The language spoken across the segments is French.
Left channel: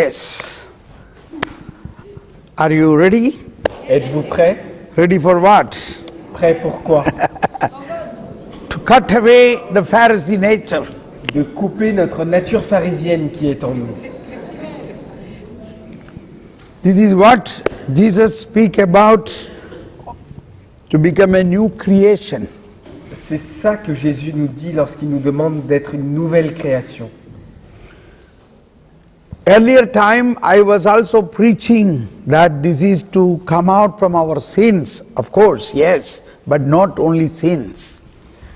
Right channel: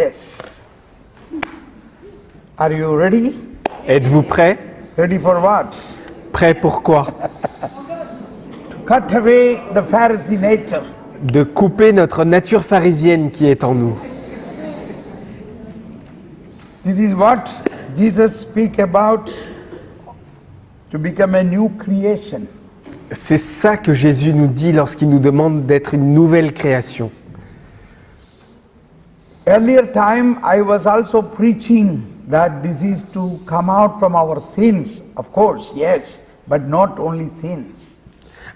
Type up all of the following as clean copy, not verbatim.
Yes. Are you ready? Êtes-vous prêts? Ready for what? Prêts pour quoi? To cut away the Pharisee nature. De couper notre nature pharisienne qui est en nous. This is what Jesus speaks about to become a new creation. C'est ça que Jésus nous dit lorsqu'il nous demande d'être une nouvelle création. Earlier time I was also preaching that this is to come out from our sins, of course, yes, but not only sins.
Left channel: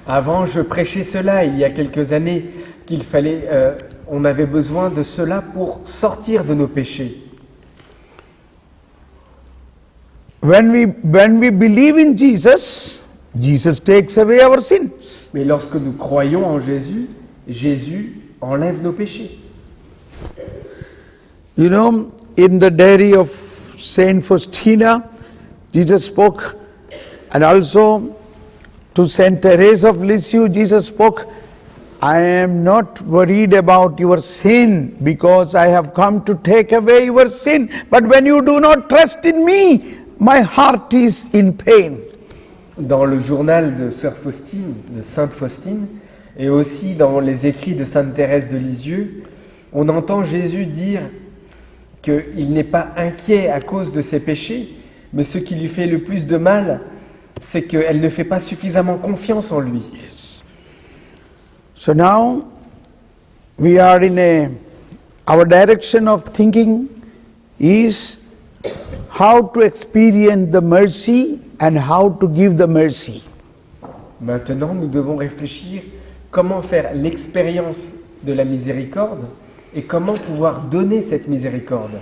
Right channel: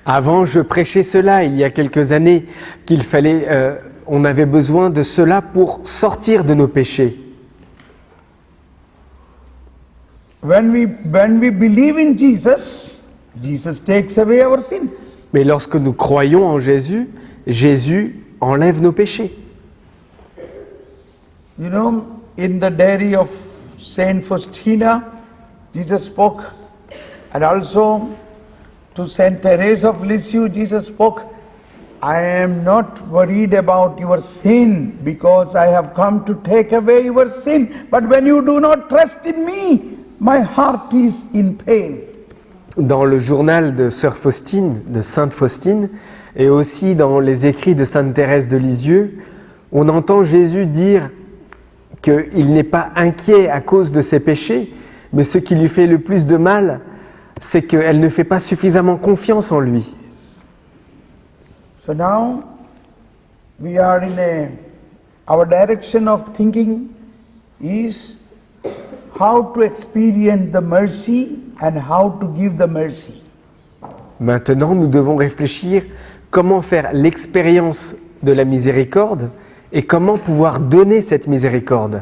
Avant, je prêchais cela il y a quelques années, qu'il fallait, on avait besoin de cela pour sortir de nos péchés. When we believe in Jesus, Jesus takes away our sins. Mais lorsque nous croyons en Jésus, Jésus enlève nos péchés. You know, in the diary of Saint Faustina, Jesus spoke, and also to Saint Therese of Lisieux, Jesus spoke, I am not worried about your sin because I have come to take away your sin. But when you do not trust in me, my heart is in pain. Dans le journal de Sœur Faustine, de Sainte Faustine, et aussi dans les écrits de Sainte Thérèse de Lisieux, on entend Jésus dire qu'il n'est pas inquiet à cause de ses péchés, mais ce qui lui fait le plus de mal, c'est qu'elle ne fait pas suffisamment confiance en lui. So now we are our direction of thinking is how to experience the mercy and how to give the mercy. Maintenant, nous devons réfléchir comment faire l'expérience de la miséricorde et comment pouvoir donner cette miséricorde.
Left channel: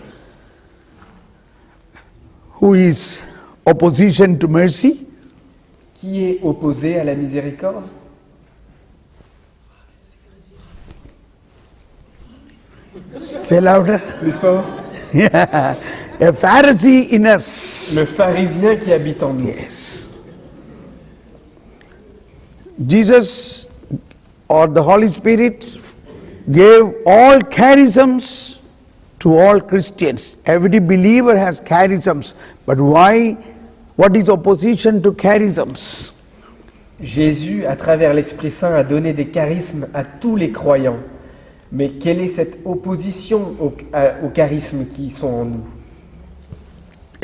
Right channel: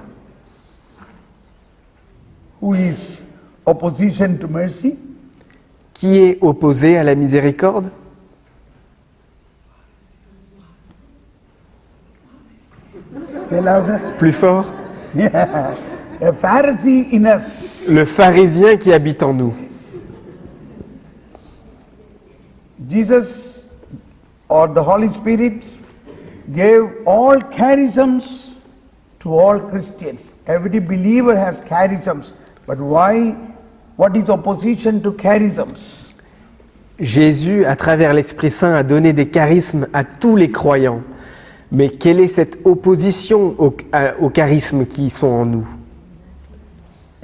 Who is opposition to mercy? Qui est opposé à la miséricorde? Say louder. Plus fort. Yeah. A Pharisee in us. Le pharisien qui habite en nous. Yes. Jesus or the Holy Spirit gave all charisms to all Christians. Every believer has charisms. But why? What is opposition to charisms? Jésus, à travers l'Esprit Saint, a donné des charismes à tous les croyants. Mais quelle est cette opposition aux charismes qui sont en nous?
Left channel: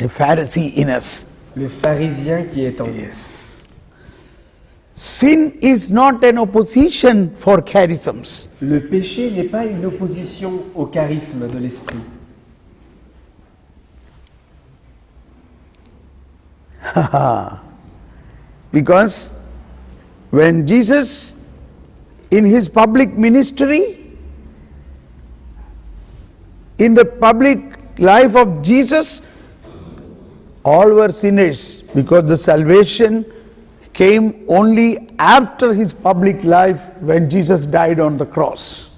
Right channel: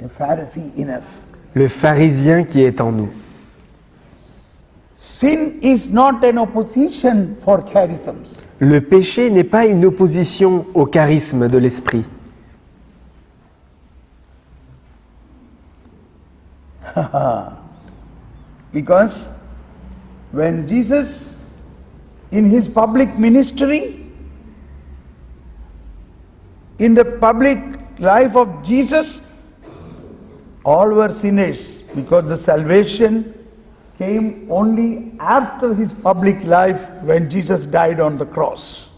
A Pharisee in us. Le pharisien qui est en nous. Sin is not an opposition for charisms. Le péché n'est pas une opposition au charisme de l'Esprit. Because when Jesus, in his public ministry, in the public life of Jesus, all were sinners because the salvation came only after his public life when Jesus died on the cross.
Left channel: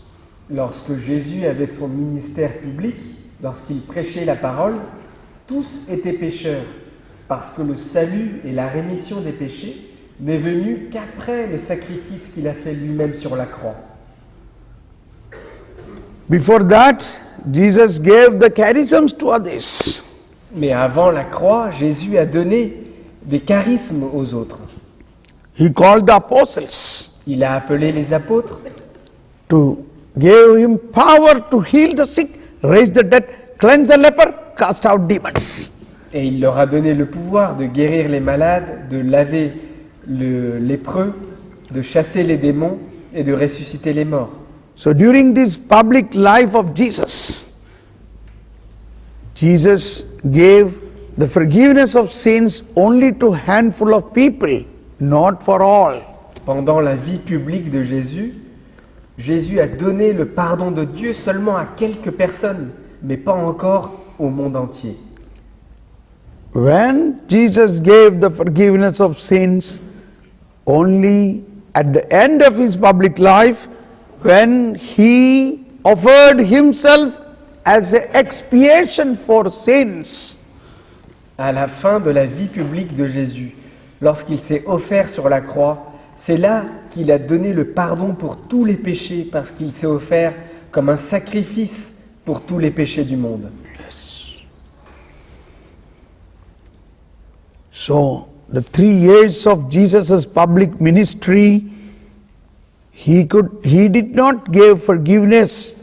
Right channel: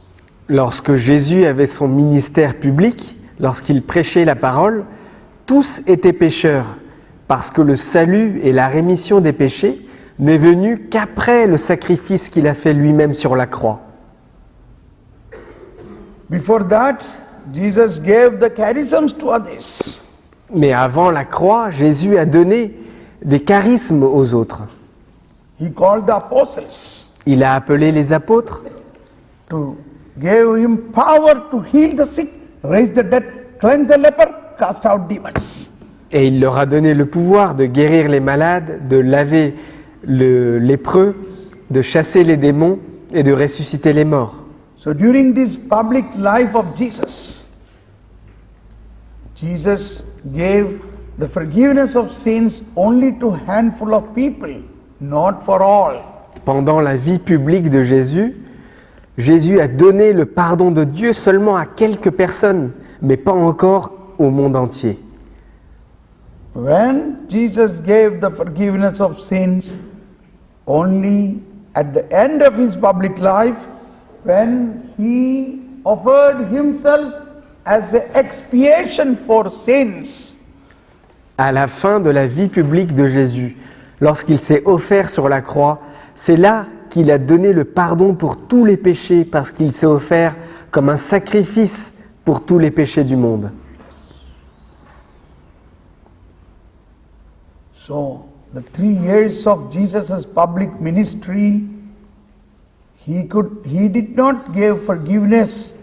Lorsque Jésus avait son ministère public, lorsqu'il prêchait la parole, tous étaient pécheurs, parce que le salut et la rémission des péchés n'est venu qu'après le sacrifice qu'il a fait lui-même sur la croix. Before that, Jesus gave the charisms to others. Mais avant la croix, Jésus a donné des charismes aux autres. He called the apostles Il a appelé les apôtres to give him power to heal the sick, raise the dead, cleanse the leper, cast out demons. et il leur a donné le pouvoir de guérir les malades, de laver le lépreux, de chasser les démons et de ressusciter les morts. So during this public life of Jesus, Jesus gave the forgiveness of sins only to a handful of people, not for all. Pendant la vie publique de Jésus, Jésus a donné le pardon de Dieu seulement à quelques personnes, mais pas encore au monde entier. When Jesus gave the forgiveness of sins only at the end of his public life, when he offered himself as an expiation for sins. À la fin de la vie publique de Jésus, lorsqu'il s'est offert sur la croix, c'est là qu'il a donné le pardon pour tous les péchés, parce qu'il s'est offert comme un sacrifice pour tous les péchés du monde. So, the 3 years of Jesus' public ministry, he did not give forgiveness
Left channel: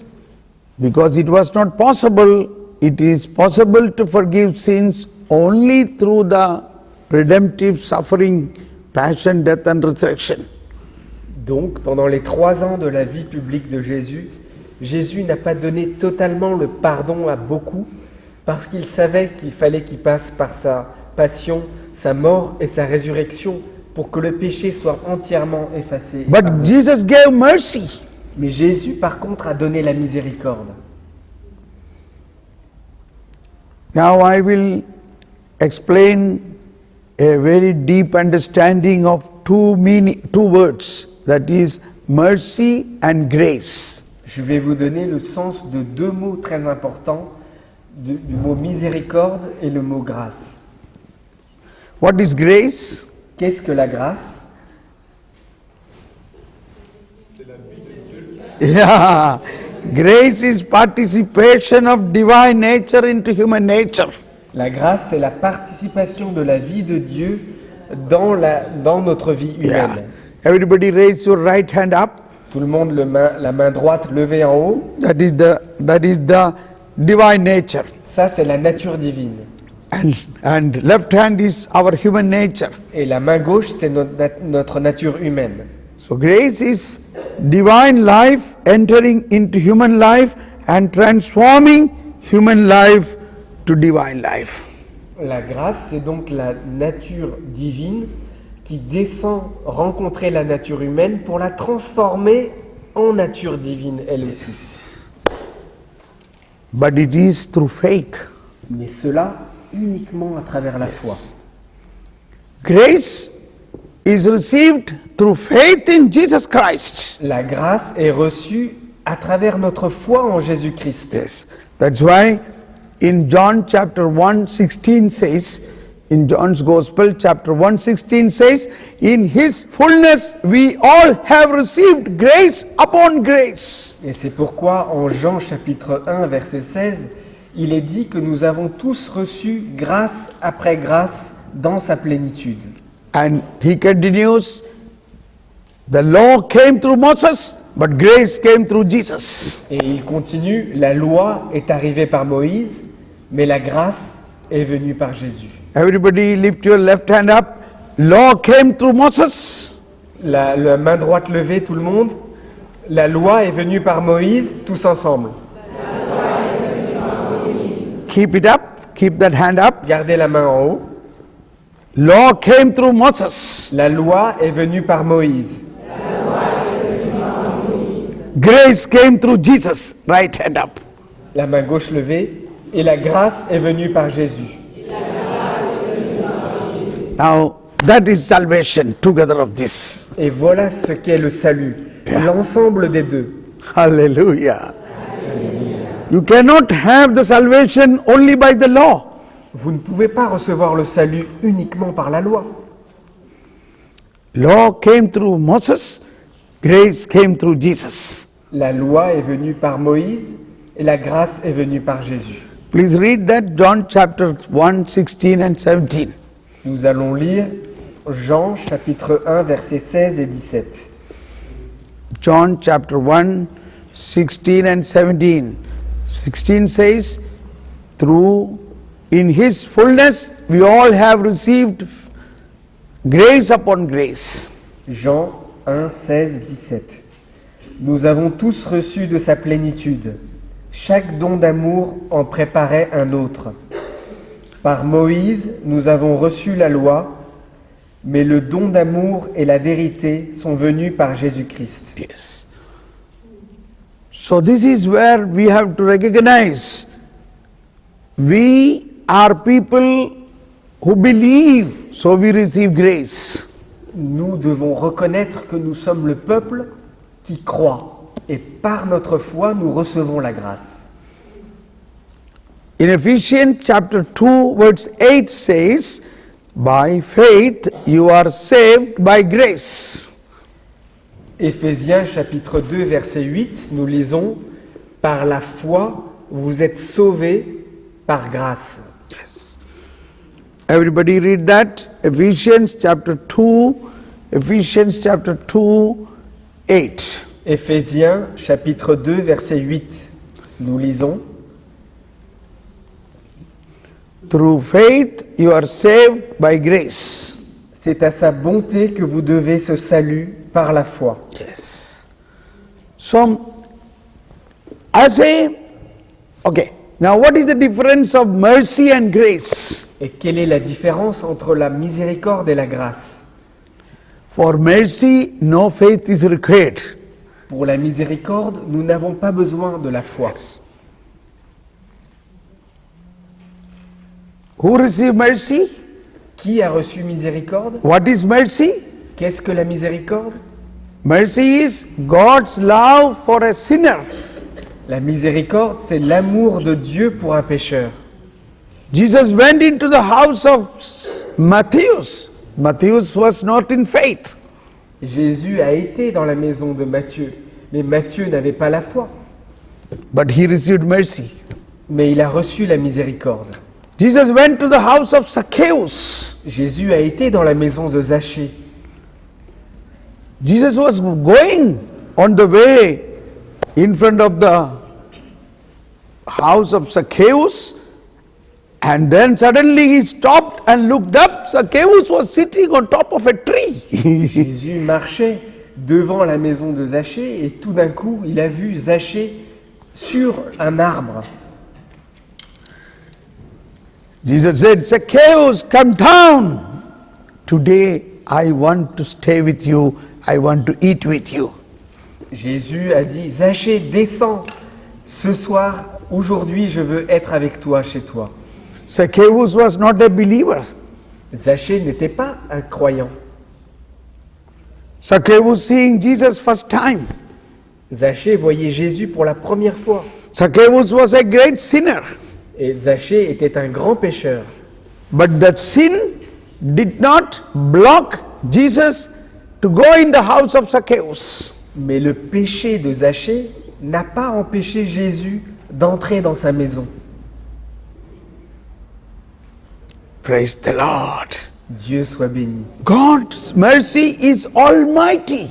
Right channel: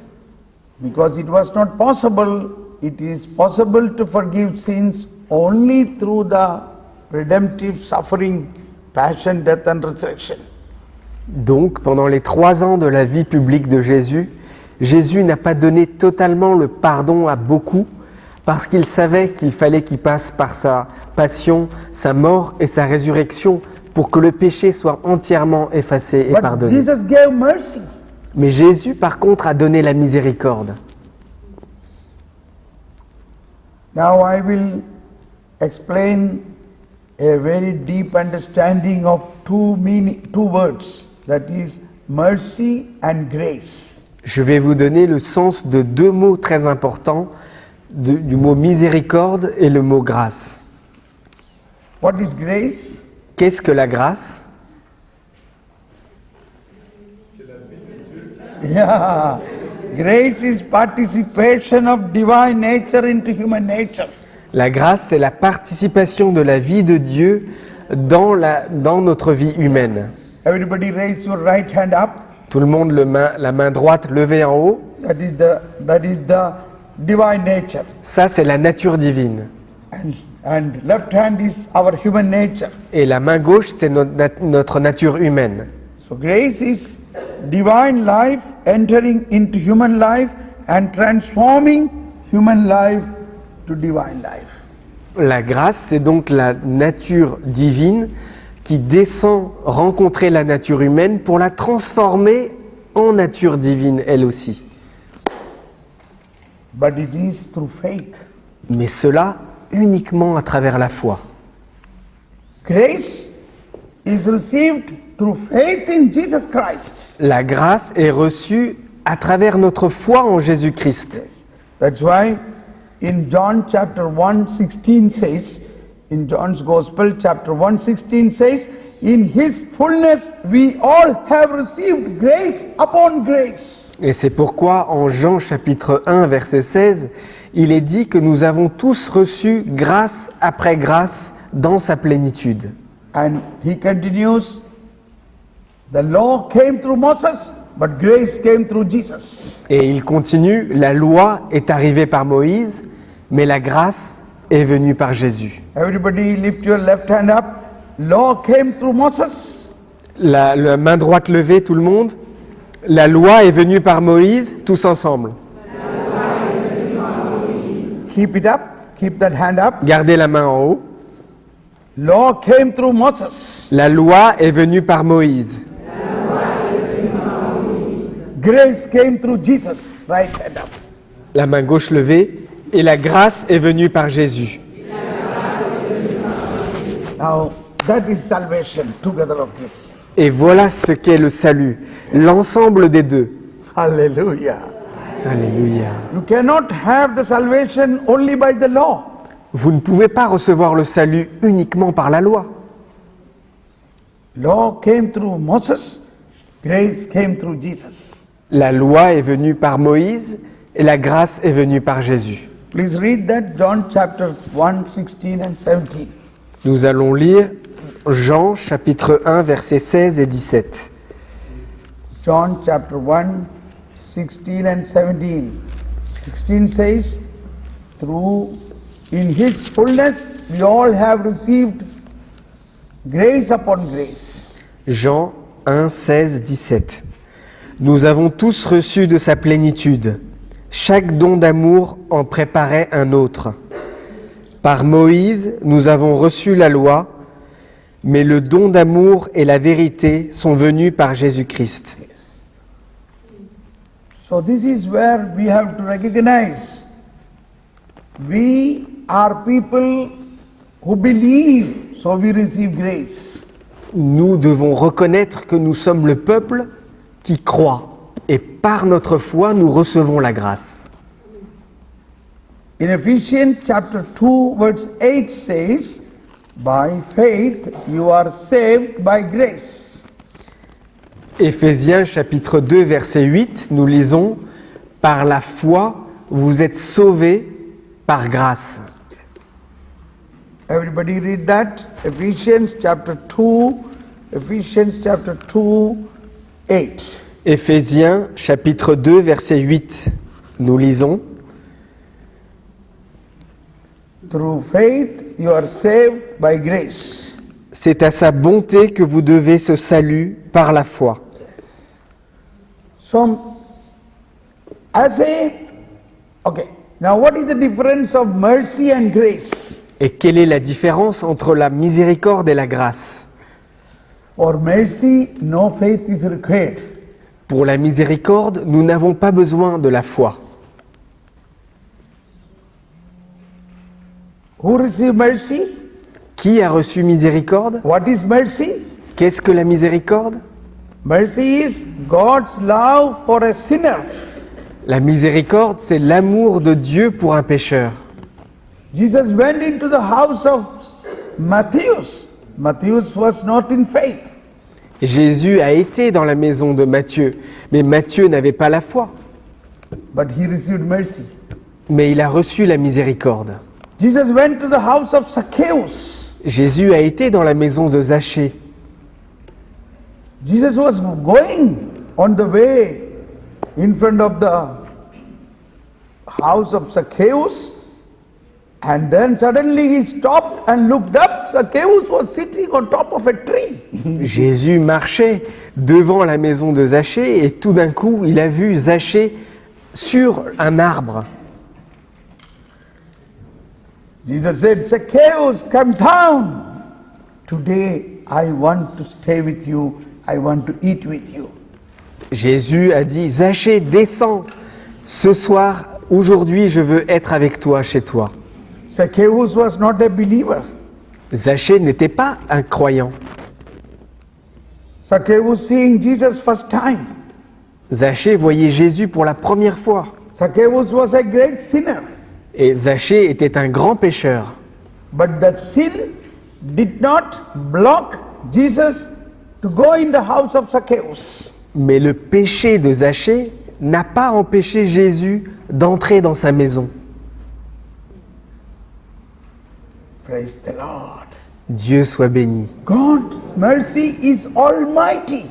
because it was not possible. It is possible to forgive sins only through the redemptive suffering, passion, death and resurrection. Donc, pendant les 3 ans de la vie publique de Jésus, Jésus n'a pas donné totalement le pardon à beaucoup parce qu'il savait qu'il fallait qu'il passe par sa passion, sa mort et sa résurrection pour que le péché soit entièrement effacé et But pardonné. Jesus gave mercy. Mais Jésus, par contre, a donné la miséricorde. Now I will explain a very deep understanding of two words, that is mercy and grace. Je vais vous donner le sens de 2 mots très importants, du mot miséricorde et le mot grâce. What is grace? Qu'est-ce que la grâce? Yeah, grace is participation of divine nature into human nature. La grâce, c'est la participation de la vie de Dieu dans notre vie humaine. Everybody raise your right hand up. Tout le monde, la main droite levée en haut. That is the divine nature. Ça, c'est la nature divine. And left hand is our human nature. Et la main gauche, c'est notre nature humaine. So grace is divine life entering into human life and transforming human life to divine life. La grâce, c'est donc la nature divine qui descend rencontrer la nature humaine pour la transformer en nature divine, elle aussi. But it is through faith. Mais cela uniquement à travers la foi. Grace is received through faith in Jesus Christ. La grâce est reçue à travers notre foi en Jésus-Christ. That's why in John chapter 1:16 says, in John's Gospel chapter 1:16 says, in his fullness we all have received grace upon grace. Et c'est pourquoi en Jean chapitre 1 verset 16, il est dit que nous avons tous reçu grâce après grâce dans sa plénitude. And he continues, the law came through Moses, but grace came through Jesus. Et il continue, la loi est arrivée par Moïse, mais la grâce est venue par Jésus. Everybody lift your left hand up. Law came through Moses. La main droite levée, tout le monde. La loi est venue par Moïse, tous ensemble. Keep it up. Keep that hand up. Gardez la main en haut. Law came through Moses. La loi est venue par Moïse. Grace came through Jesus. Right hand up. La main gauche levée. Et la grâce est venue par Jésus. Now, that is salvation, together of this. Et voilà ce qu'est le salut, l'ensemble des deux. Hallelujah. Alléluia. You cannot have the salvation only by the law. Vous ne pouvez pas recevoir le salut uniquement par la loi. Law came through Moses. Grace came through Jesus. La loi est venue par Moïse et la grâce est venue par Jésus. Please read that, John chapter 1, 16 and 17. Nous allons lire Jean chapitre 1 versets 16 et 17. John chapter 1, 16 and 17. 16 says, in his fullness we all have received grace upon grace. Jean 1, 16, 17. Nous avons tous reçu de sa plénitude. Chaque don d'amour en préparait un autre. Par Moïse, nous avons reçu la loi, mais le don d'amour et la vérité sont venus par Jésus-Christ. Yes. So this is where we have to recognize we are people who believe, so we receive grace. Nous devons reconnaître que nous sommes le peuple qui croit, et par notre foi, nous recevons la grâce. In Ephesians chapter 2 verse 8 says, by faith you are saved by grace. Éphésiens chapitre 2 verset 8, nous lisons « Par la foi, vous êtes sauvés par grâce. Everybody read that. Ephesians chapter 2, 8. Éphésiens chapitre 2 verset 8. Nous lisons. Through faith you are saved by grace. C'est à sa bonté que vous devez ce salut par la foi. So, okay, now what is the difference of mercy and grace? Et quelle est la différence entre la miséricorde et la grâce? For mercy, no faith is required. Pour la miséricorde, nous n'avons pas besoin de la foi. Who received mercy? Qui a reçu miséricorde? What is mercy? Qu'est-ce que la miséricorde? Mercy is God's love for a sinner. La miséricorde, c'est l'amour de Dieu pour un pécheur. Jesus went into the house of Matthew. Matthew was not in faith. Jésus a été dans la maison de Matthieu, mais Matthieu n'avait pas la foi. But he received mercy. Mais il a reçu la miséricorde. Jesus went to the house of Zacchaeus. Jésus a été dans la maison de Zachée. Jesus was going on the way in front of the house of Zacchaeus, and then suddenly he stopped and looked up. Zacchaeus was sitting on top of a tree. Jésus marchait devant la maison de Zachée et tout d'un coup, il a vu Zachée sur un arbre. Jesus said, Zacchaeus, come down. Today I want to stay with you. I want to eat with you. Jésus a dit, Zachée, descends. Ce soir, aujourd'hui, je veux être avec toi, chez toi. Zacchaeus was not a believer. Zachée n'était pas un croyant. Zacchaeus seeing Jesus first time. Zachée voyait Jésus pour la première fois. Zacchaeus was a great sinner. Et Zachée était un grand pécheur. But that sin did not block Jesus to go in the house of Zacchaeus. Mais le péché de Zachée n'a pas empêché Jésus d'entrer dans sa maison. Praise the Lord. Dieu soit béni. God's mercy is almighty.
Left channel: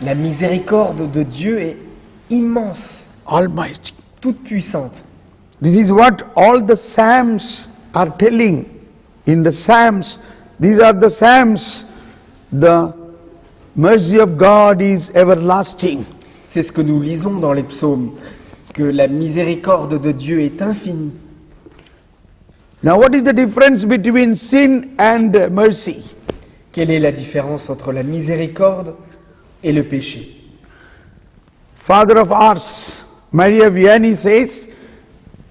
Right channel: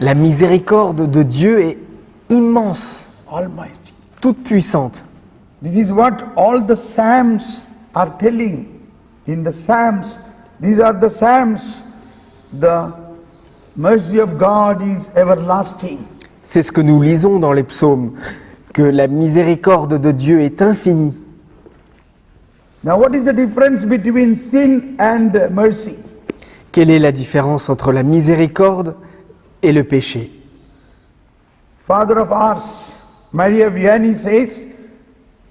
La miséricorde de Dieu est immense, Almighty. toute puissante. This is what all the Psalms are telling. In the Psalms, these are the Psalms. The mercy of God is everlasting. C'est ce que nous lisons dans les psaumes, que la miséricorde de Dieu est infinie. Now, what is the difference between sin and mercy? Quelle est la différence entre la miséricorde et le péché? Father of ours, Maria Vianney says,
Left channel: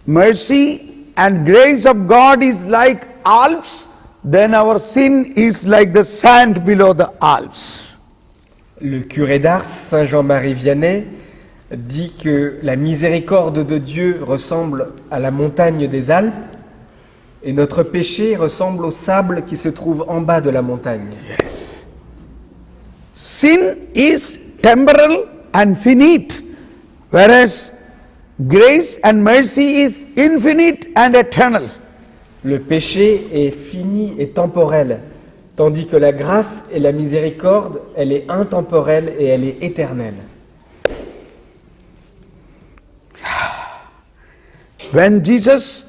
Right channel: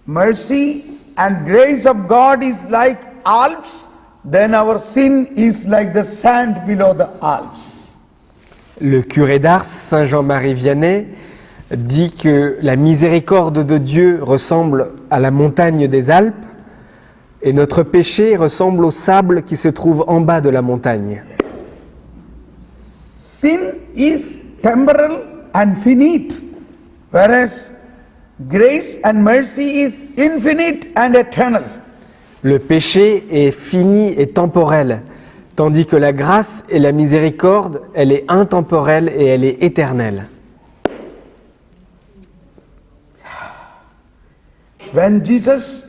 mercy and grace of God is like Alps, then our sin is like the sand below the Alps. Le curé d'Ars, Saint Jean-Marie Vianney, dit que la miséricorde de Dieu ressemble à la montagne des Alpes et notre péché ressemble au sable qui se trouve en bas de la montagne. Yes. Sin is temporal and finite, whereas grace and mercy is infinite and eternal. Le péché est fini et temporel, tandis que la grâce et la miséricorde, elle est intemporelle et elle est éternelle. When Jesus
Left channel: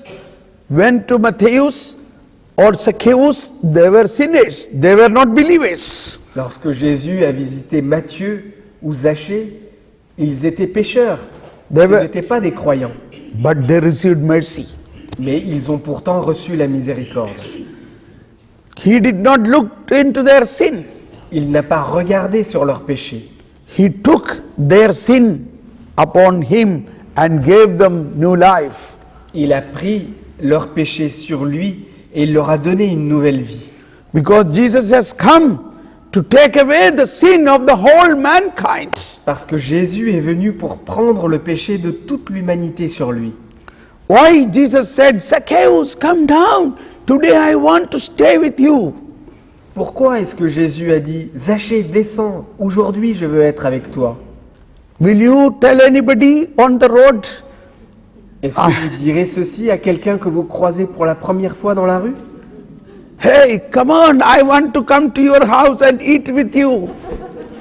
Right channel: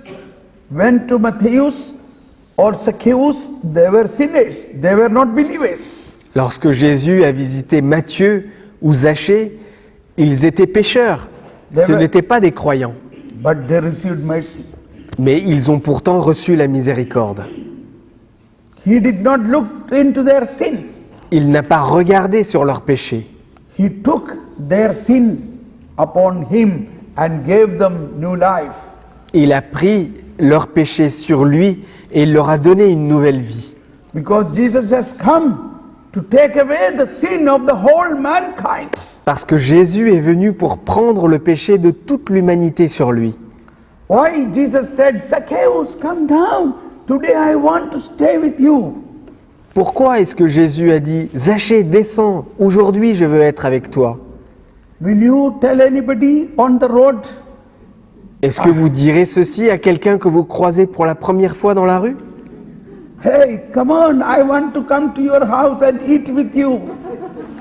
went to Matthäus or Zacchaeus, they were sinners, they were not believers. Lorsque Jésus a visité Matthieu ou Zachée, ils étaient pécheurs, ce n'étaient pas des croyants, But they received mercy. mais ils ont pourtant reçu la miséricorde. He did not look into their sin. Il n'a pas regardé sur leur péché. He took their sin upon him and gave them new life. Il a pris leur péché sur lui et il leur a donné une nouvelle vie. Because Jesus has come to take away the sin of the whole mankind. Parce que Jésus est venu pour prendre le péché de toute l'humanité sur lui. Why Jesus said, Zacchaeus, come down. Today I want to stay with you. Pourquoi est-ce que Jésus a dit « Zachée, descends, aujourd'hui je veux être avec toi » Will you tell anybody on the road? Est-ce que vous direz ceci à quelqu'un que vous croisez pour la première fois dans la rue? Hey, come on, I want to come to your house and eat with you.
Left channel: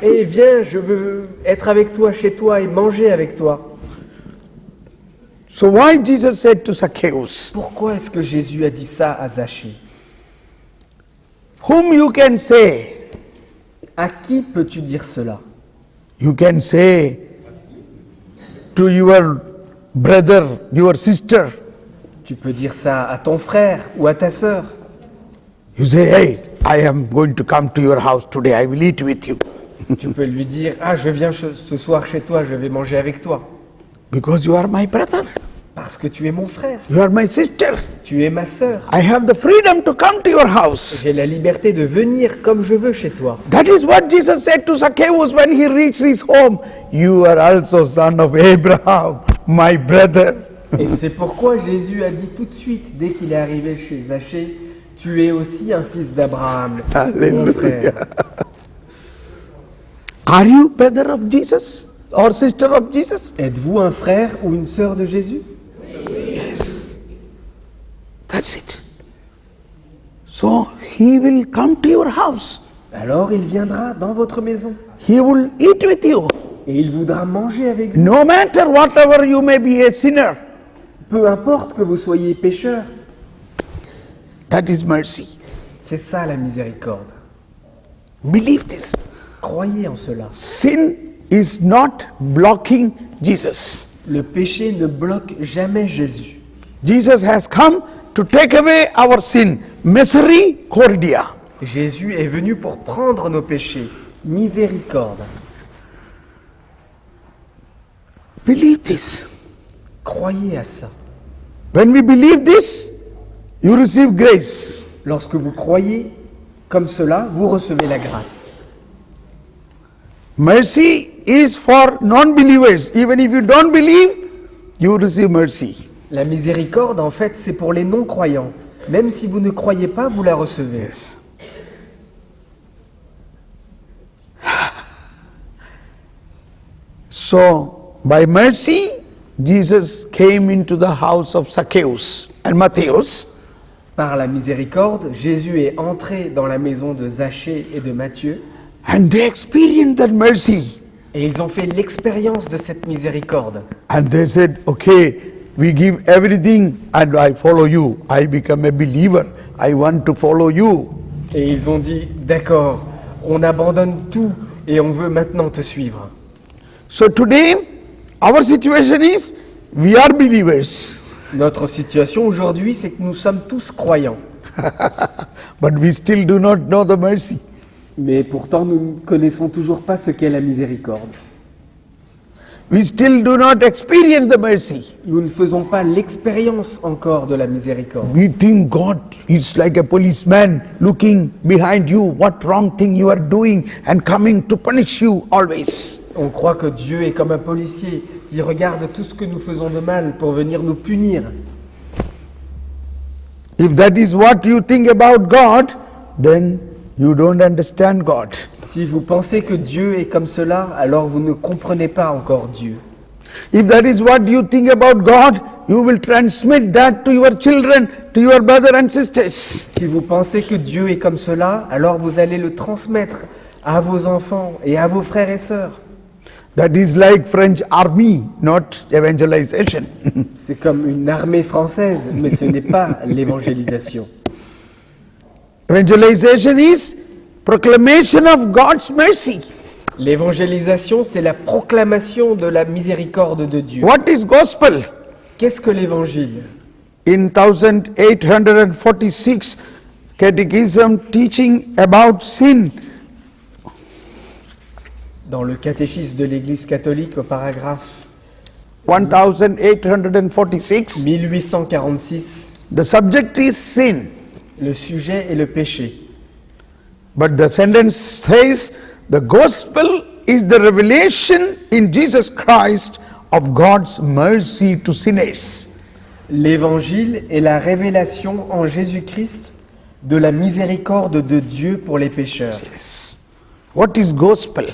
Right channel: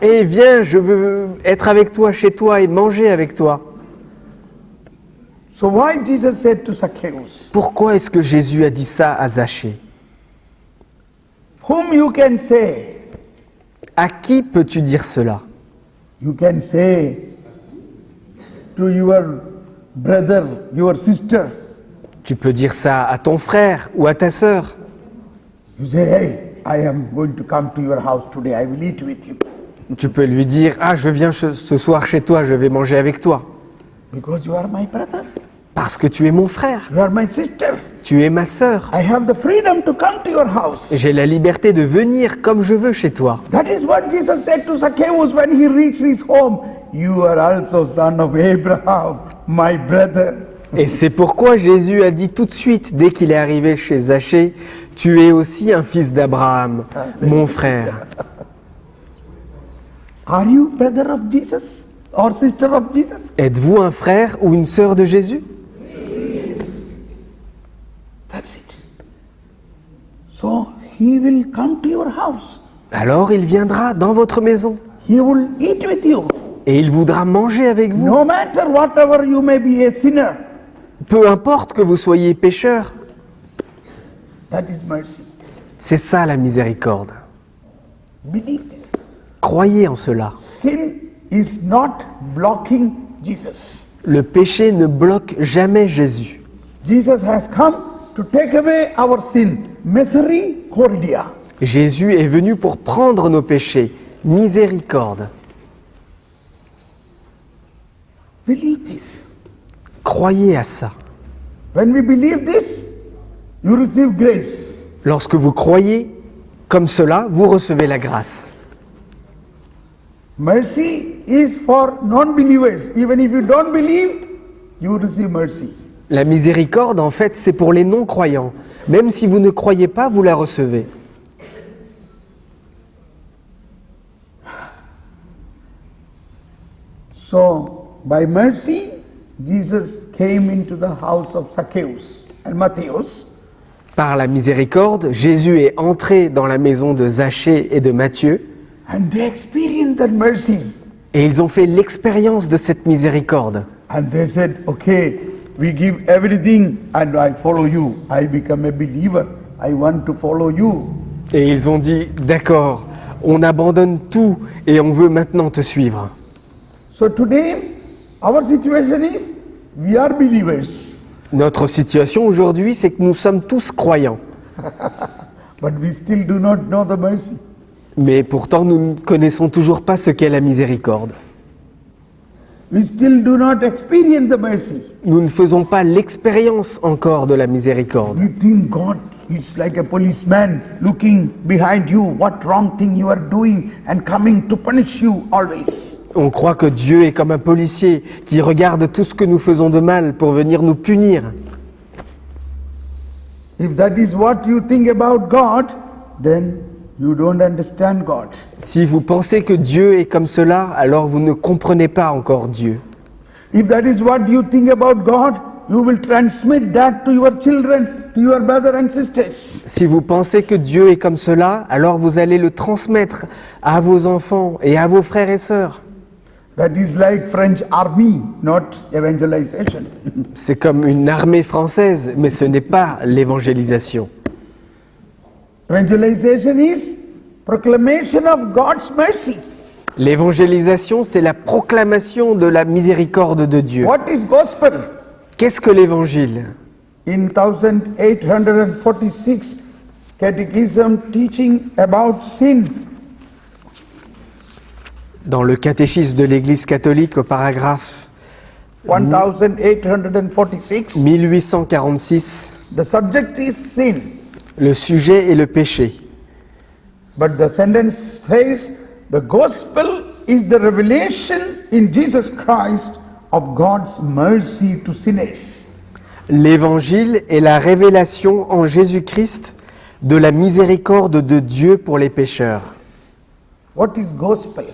Eh viens, je veux être avec toi, chez toi et manger avec toi. So why Jesus said to Zacchaeus, Pourquoi est-ce que Jésus a dit ça à Zachée? whom you can say, À qui peux-tu dire cela? you can say to your brother, your sister, Tu peux dire ça à ton frère ou à ta sœur. you say, hey, I am going to come to your house today, I will eat with you. Tu peux lui dire, ah, je viens ce soir chez toi, je vais manger avec toi. Because you are my brother, Parce que tu es mon frère, you are my sister. tu es ma sœur. I have the freedom to come to your house. J'ai la liberté de venir comme je veux chez toi. That is what Jesus said to Zacchaeus when he reached his home. You are also son of Abraham, my brother. Et c'est pourquoi Jésus a dit tout de suite, dès qu'il est arrivé chez Zachée, tu es aussi un fils d'Abraham, mon Alléluia. frère. Are you brother of Jesus or sister of Jesus? Êtes-vous un frère ou une sœur de Jésus? Yes. That's it. So he will come to your house. Alors il viendra dans votre maison He will eat with you. et il voudra manger avec vous. No matter whatever you may be a sinner. Peu importe que vous soyez pécheur, That is mercy. c'est ça la miséricorde. Believe this. Croyez en cela. Sin is not blocking Jesus. Le péché ne bloque jamais Jésus. Jesus has come to take away our sin. Misericordia. Jésus est venu pour prendre nos péchés. Miséricorde. Believe this. Croyez à ça. When we believe this, you receive grace. Lorsque vous croyez comme cela, vous recevez la grâce. Mercy is for non-believers. Even if you don't believe, you receive mercy. La miséricorde, en fait, c'est pour les non-croyants. Même si vous ne croyez pas, vous la recevez. So, by mercy, Jesus came into the house of Zacchaeus and Matthias. Par la miséricorde, Jésus est entré dans la maison de Zachée et de Matthieu, And they experienced that mercy. et ils ont fait l'expérience de cette miséricorde. And they said, okay, we give everything and I follow you. I become a believer. I want to follow you. Et ils ont dit, d'accord, on abandonne tout et on veut maintenant te suivre. So today, our situation is, we are believers. Notre situation aujourd'hui, c'est que nous sommes tous croyants. But we still do not know the mercy. Mais pourtant, nous ne connaissons toujours pas ce qu'est la miséricorde. We still do not experience the mercy. Nous ne faisons pas l'expérience encore de la miséricorde. We think God is like a policeman looking behind you, what wrong thing you are doing and coming to punish you always. On croit que Dieu est comme un policier qui regarde tout ce que nous faisons de mal pour venir nous punir. If that is what you think about God, then you don't understand God. Si vous pensez que Dieu est comme cela, alors vous ne comprenez pas encore Dieu. If that is what you think about God, you will transmit that to your children, to your brothers and sisters. Si vous pensez que Dieu est comme cela, alors vous allez le transmettre à vos enfants et à vos frères et sœurs. That is like French army, not evangelization. C'est comme une armée française, mais ce n'est pas l'évangélisation. Evangelization is proclamation of God's mercy. L'évangélisation, c'est la proclamation de la miséricorde de Dieu. What is gospel? Qu'est-ce que l'évangile? In 1846 catechism teaching about sin, Dans le catéchisme de l'Église catholique, au paragraphe 1846, 1846, the subject is sin. le sujet est le péché. But the sentence says the gospel is the revelation in Jesus Christ of God's mercy to sinners. L'évangile est la révélation en Jésus-Christ de la miséricorde de Dieu pour les pécheurs. What is gospel?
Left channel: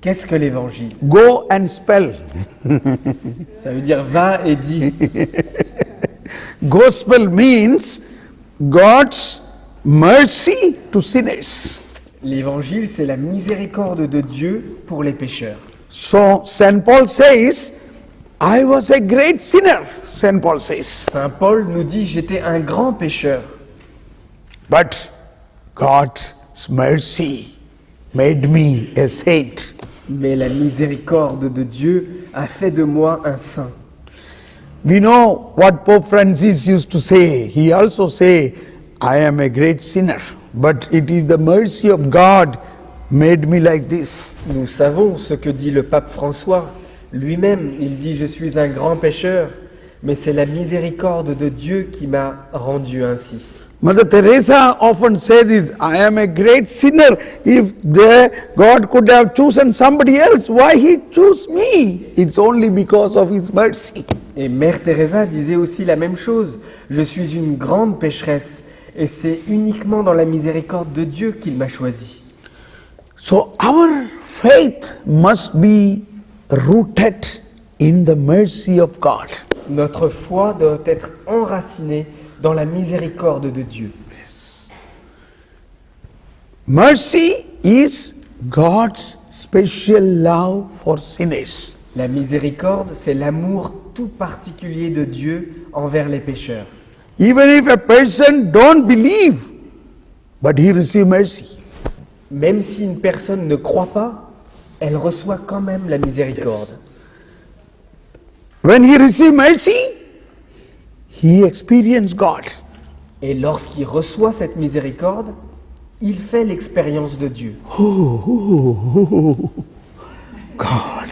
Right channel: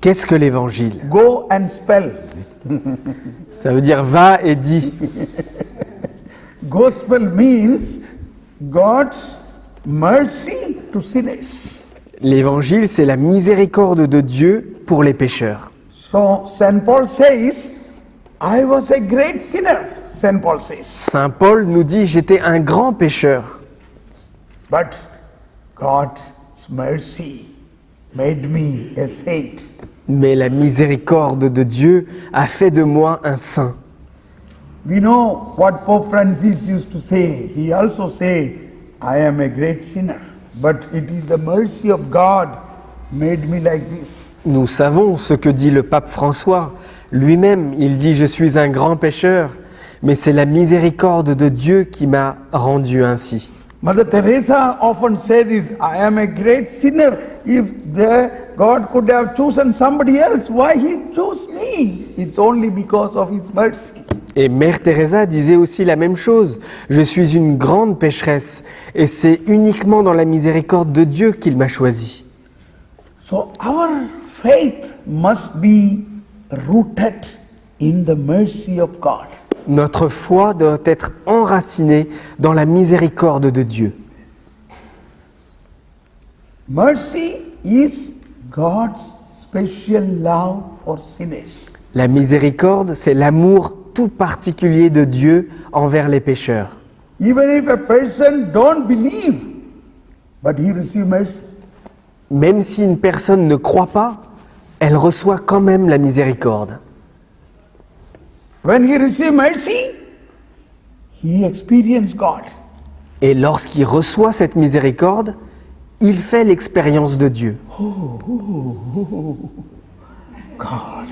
Qu'est-ce que l'évangile? Go and spell. Ça veut dire va et dis. Gospel means God's mercy to sinners. L'évangile, c'est la miséricorde de Dieu pour les pécheurs. So St. Paul says, I was a great sinner, St. Paul says. Saint Paul nous dit, j'étais un grand pécheur, But God's mercy made me a saint. mais la miséricorde de Dieu a fait de moi un saint. We know what Pope Francis used to say. He also say, I am a great sinner, but it is the mercy of God made me like this. Nous savons ce que dit le pape François. Lui-même, il dit, je suis un grand pécheur, mais c'est la miséricorde de Dieu qui m'a rendu ainsi. Mother Teresa often says this, I am a great sinner. If God could have chosen somebody else, why he chose me? It's only because of his mercy. Et Mère Teresa disait aussi la même chose. Je suis une grande pécheresse, et c'est uniquement dans la miséricorde de Dieu qu'il m'a choisi. So our faith must be rooted in the mercy of God. Notre foi doit être enracinée dans la miséricorde de Dieu. Mercy is God's special love for sinners. La miséricorde, c'est l'amour tout particulier de Dieu envers les pécheurs. Even if a person don't believe, but he receives mercy. Même si une personne ne croit pas, elle reçoit quand même la miséricorde. When he receives mercy, he experiences God. Et lorsqu'il reçoit cette miséricorde, il fait l'expérience de Dieu. God.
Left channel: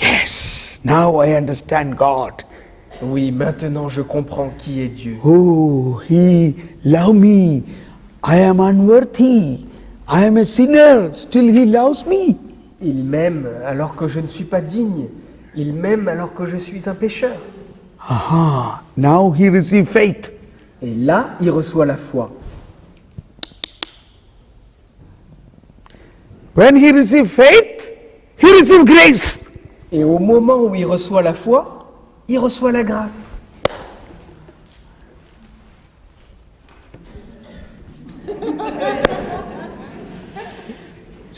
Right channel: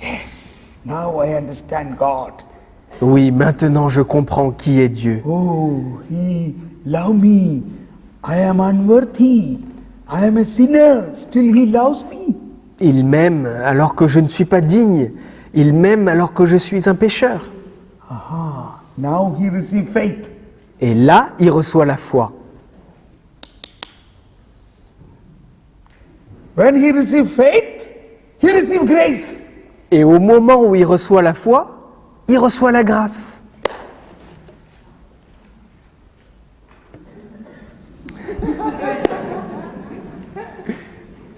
Yes, now I understand God. Oui, maintenant je comprends qui est Dieu. Oh, he loved me. I am unworthy. I am a sinner. Still he loves me. Il m'aime alors que je ne suis pas digne. Il m'aime alors que je suis un pécheur. Aha, now he receives faith. Et là, il reçoit la foi. When he receives faith, he receives grace. Et au moment où il reçoit la foi, il reçoit la grâce.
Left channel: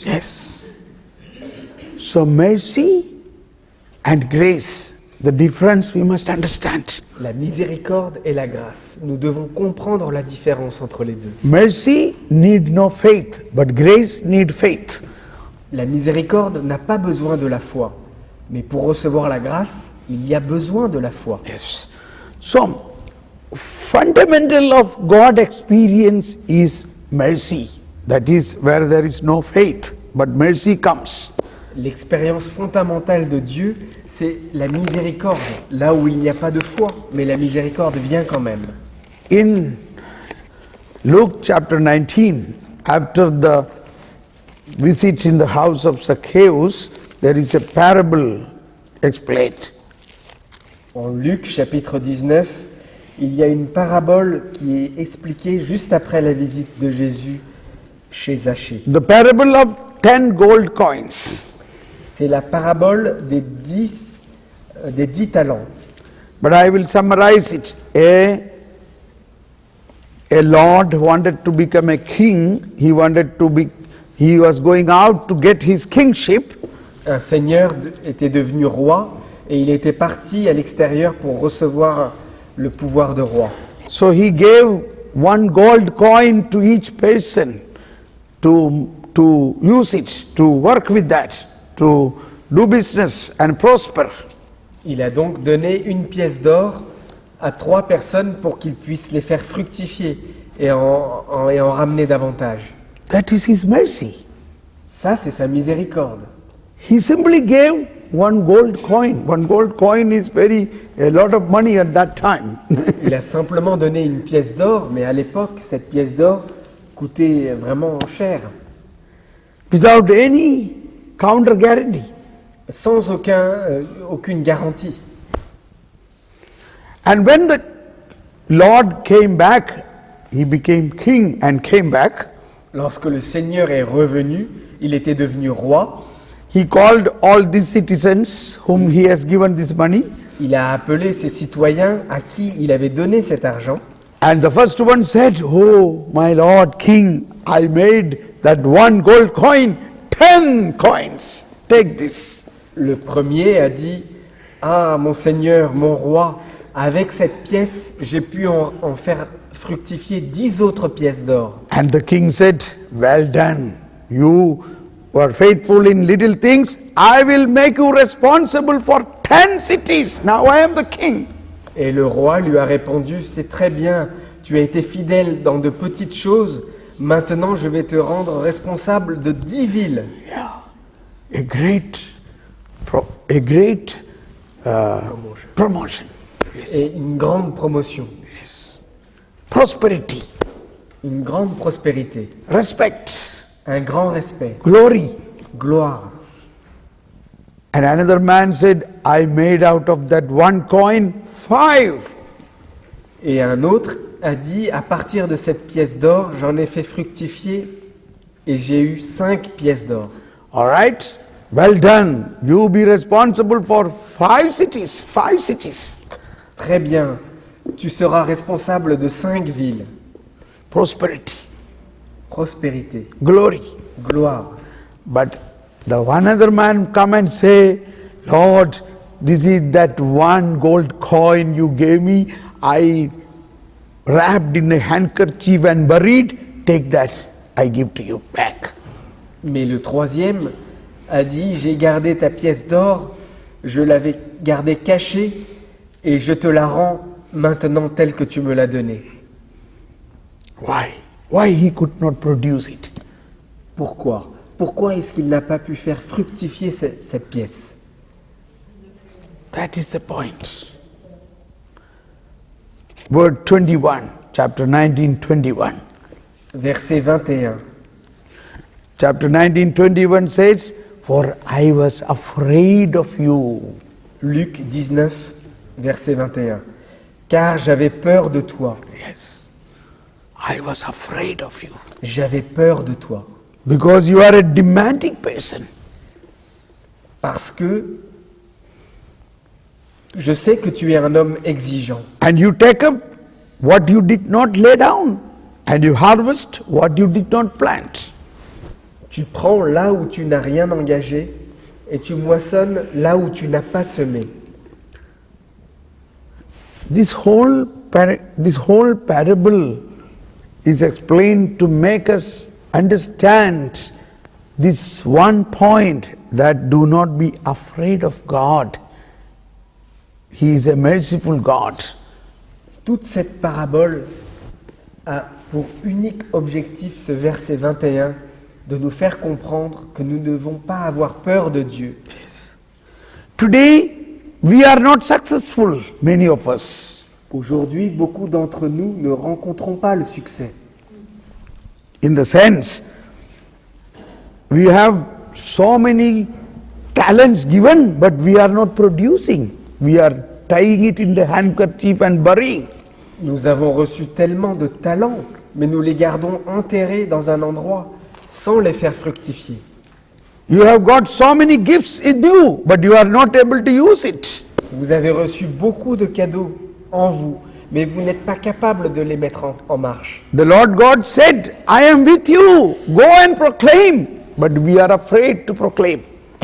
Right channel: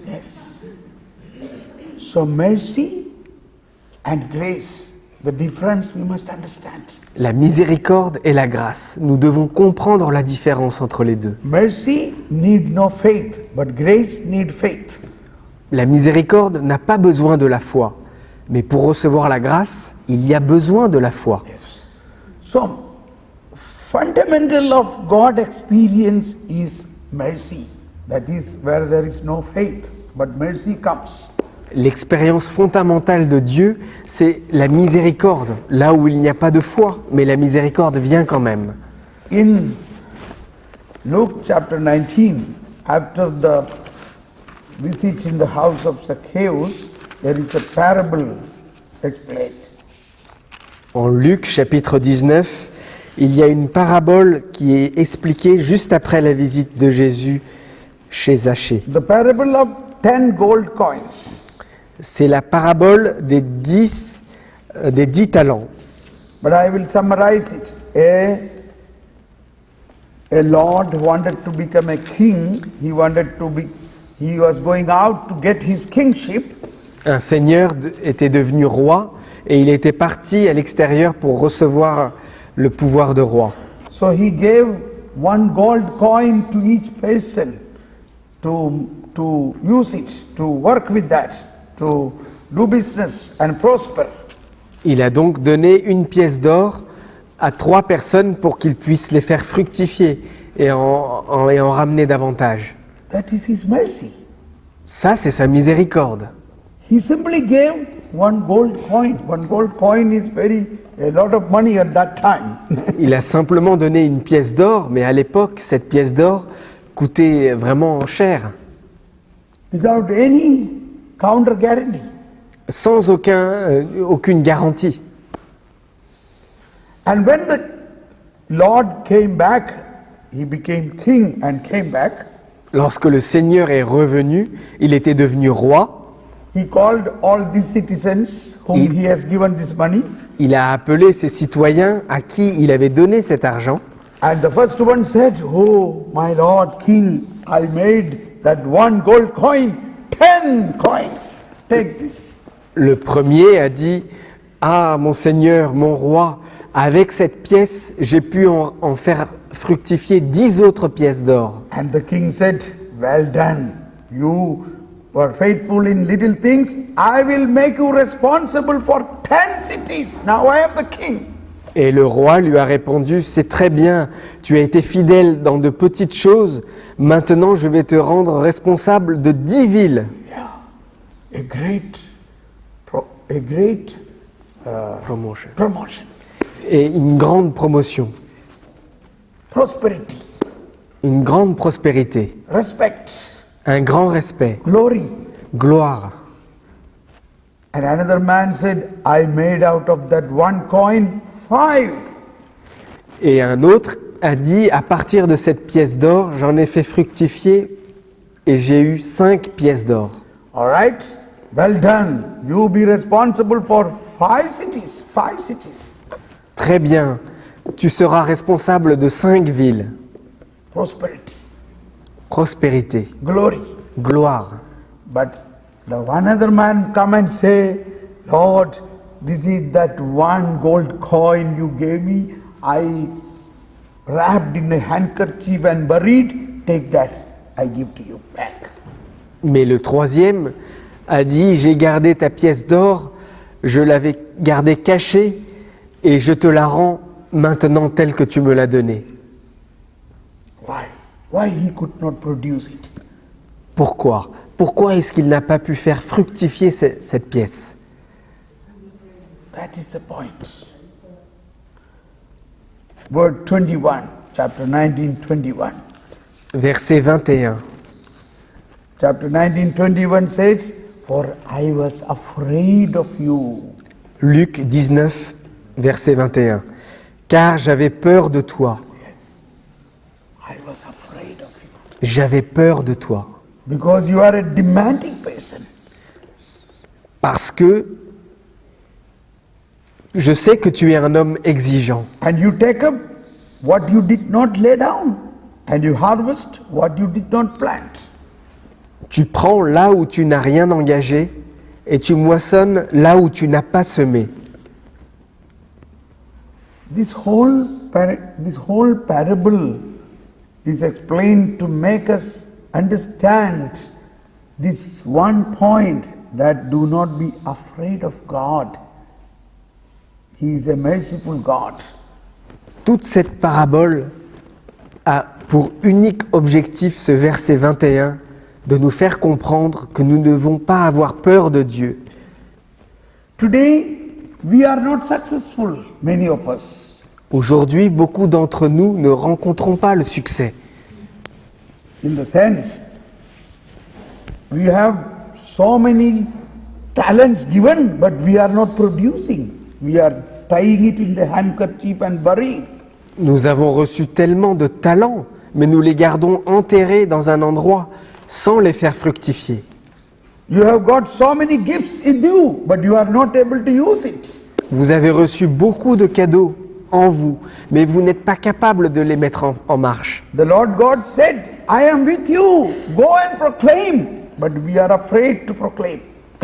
Yes. So mercy and grace, the difference we must understand. La miséricorde et la grâce. Nous devons comprendre la différence entre les deux. Mercy need no faith, but grace need faith. La miséricorde n'a pas besoin de la foi. Mais pour recevoir la grâce, il y a besoin de la foi. Yes. So, fundamental of God experience is mercy. That is where there is no faith, but mercy comes. L'expérience fondamentale de Dieu, c'est la miséricorde. Là où il n'y a pas de foi, mais la miséricorde vient quand même. In Luke chapter 19, after the visit in the house of Zacchaeus, there is a parable explained. En Luc chapitre 19, il y a une parabole qui est expliquée juste après la visite de Jésus chez Zachée. The parable of 10 gold coins. C'est la parabole des 10 talents. But I will summarize it. A lord wanted to become a king. He was going out to get his kingship. Un seigneur était devenu roi et il était parti à l'extérieur pour recevoir le pouvoir de roi. So he gave 1 gold coin to each person to use it, to work with that, to do business and prosper. Il a donc donné une pièce d'or à 3 personnes pour qu'ils puissent les faire fructifier et en ramener davantage. That is his mercy. Ça, c'est sa miséricorde. He simply gave 1 gold coin. 1 gold coin is a lot of money at that time. Il a simplement donné une pièce d'or, mais à l'époque, cette pièce d'or coûtait vraiment cher, Without any counter guarantee. sans aucune garantie. And when the Lord came back, he became king and came back. Lorsque le Seigneur est revenu, il était devenu roi. he called all these citizens whom he has given this money. Il a appelé ses citoyens à qui il avait donné cet argent. And the first one said, "Oh, my lord king, I made that one gold coin 10 coins. Take this." Le premier a dit « Ah, mon Seigneur, mon roi, avec cette pièce, j'ai pu en faire fructifier 10 autres pièces d'or. And the king said, "Well done. You were faithful in little things. I will make you responsible for 10 cities. Now I am the king." » Et le roi lui a répondu « C'est très bien, tu as été fidèle dans de petites choses, maintenant je vais te rendre responsable de 10 villes. » A great promotion, Et une grande promotion, prosperity, une grande prospérité, respect, un grand respect, glory. gloire. And another man said, "I made out of that one coin 5." Et un autre a dit, à partir de cette pièce d'or, j'en ai fait fructifier et j'ai eu 5 pièces d'or. All right? Well done. You be responsible for 5 cities. 5 cities. Très bien, tu seras responsable de 5 villes. Prosperity, Prospérité, glory. gloire. But the one other man come and say, "Lord, this is that one gold coin you gave me. I wrapped in a handkerchief and buried. Take that. I give to you back." Mais le troisième a dit, j'ai gardé ta pièce d'or, je l'avais gardée cachée et je te la rends maintenant telle que tu me l'as donnée. Why? Why he could not produce it? Pourquoi? Pourquoi est-ce qu'il n'a pas pu faire fructifier cette pièce? That is the point. Word 21, chapter 19, 21. Verset 21. Chapter 19, 21 says, "For I was afraid of you." Luc 19, verset 21. Car j'avais peur de toi. Yes. I was afraid of you. J'avais peur de toi. Because you are a demanding person. Parce que je sais que tu es un homme exigeant. And you take up what you did not lay down. And you harvest what you did not plant. Tu prends là où tu n'as rien engagé et tu moissonnes là où tu n'as pas semé. This whole parable is explained to make us understand this one point, that do not be afraid of God. He is a merciful God. Toute cette parabole a pour unique objectif, ce verset 21, de nous faire comprendre que nous ne devons pas avoir peur de Dieu. Today, we are not successful, many of us. Aujourd'hui, beaucoup d'entre nous ne rencontrons pas le succès. In the sense, we have so many talents given, but we are not producing. We are tying it in the handkerchief and burying. Nous avons reçu tellement de talents, mais nous les gardons enterrés dans un endroit sans les faire fructifier. You have got so many gifts in you, but you are not able to use it. Vous avez reçu beaucoup de cadeaux en vous, mais vous n'êtes pas capable de les mettre en marche. The Lord God said, "I am with you, go and proclaim," but we are afraid to proclaim.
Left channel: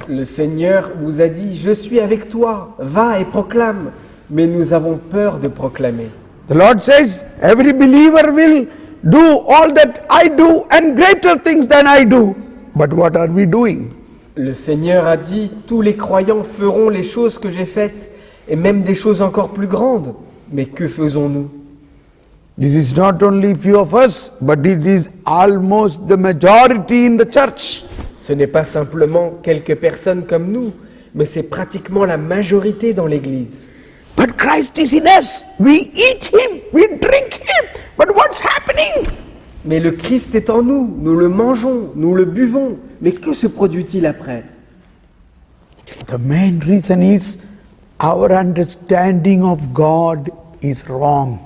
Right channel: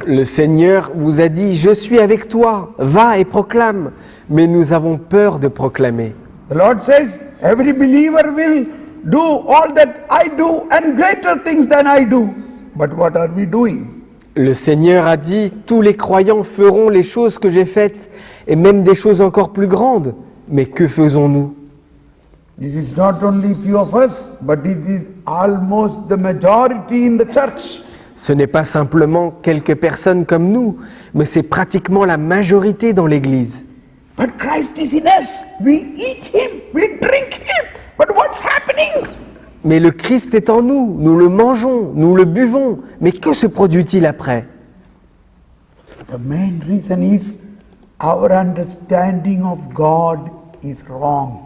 Le Seigneur vous a dit, je suis avec toi, va et proclame, mais nous avons peur de proclamer. The Lord says, "Every believer will do all that I do and greater things than I do." But what are we doing? Le Seigneur a dit, tous les croyants feront les choses que j'ai faites, et même des choses encore plus grandes. Mais que faisons-nous? This is not only few of us, but it is almost the majority in the church. Ce n'est pas simplement quelques personnes comme nous, mais c'est pratiquement la majorité dans l'Église. But Christ is in us. We eat Him, we drink Him. But what's happening? Mais le Christ est en nous, nous le mangeons, nous le buvons. Mais que se produit-il après? The main reason is our understanding of God is wrong.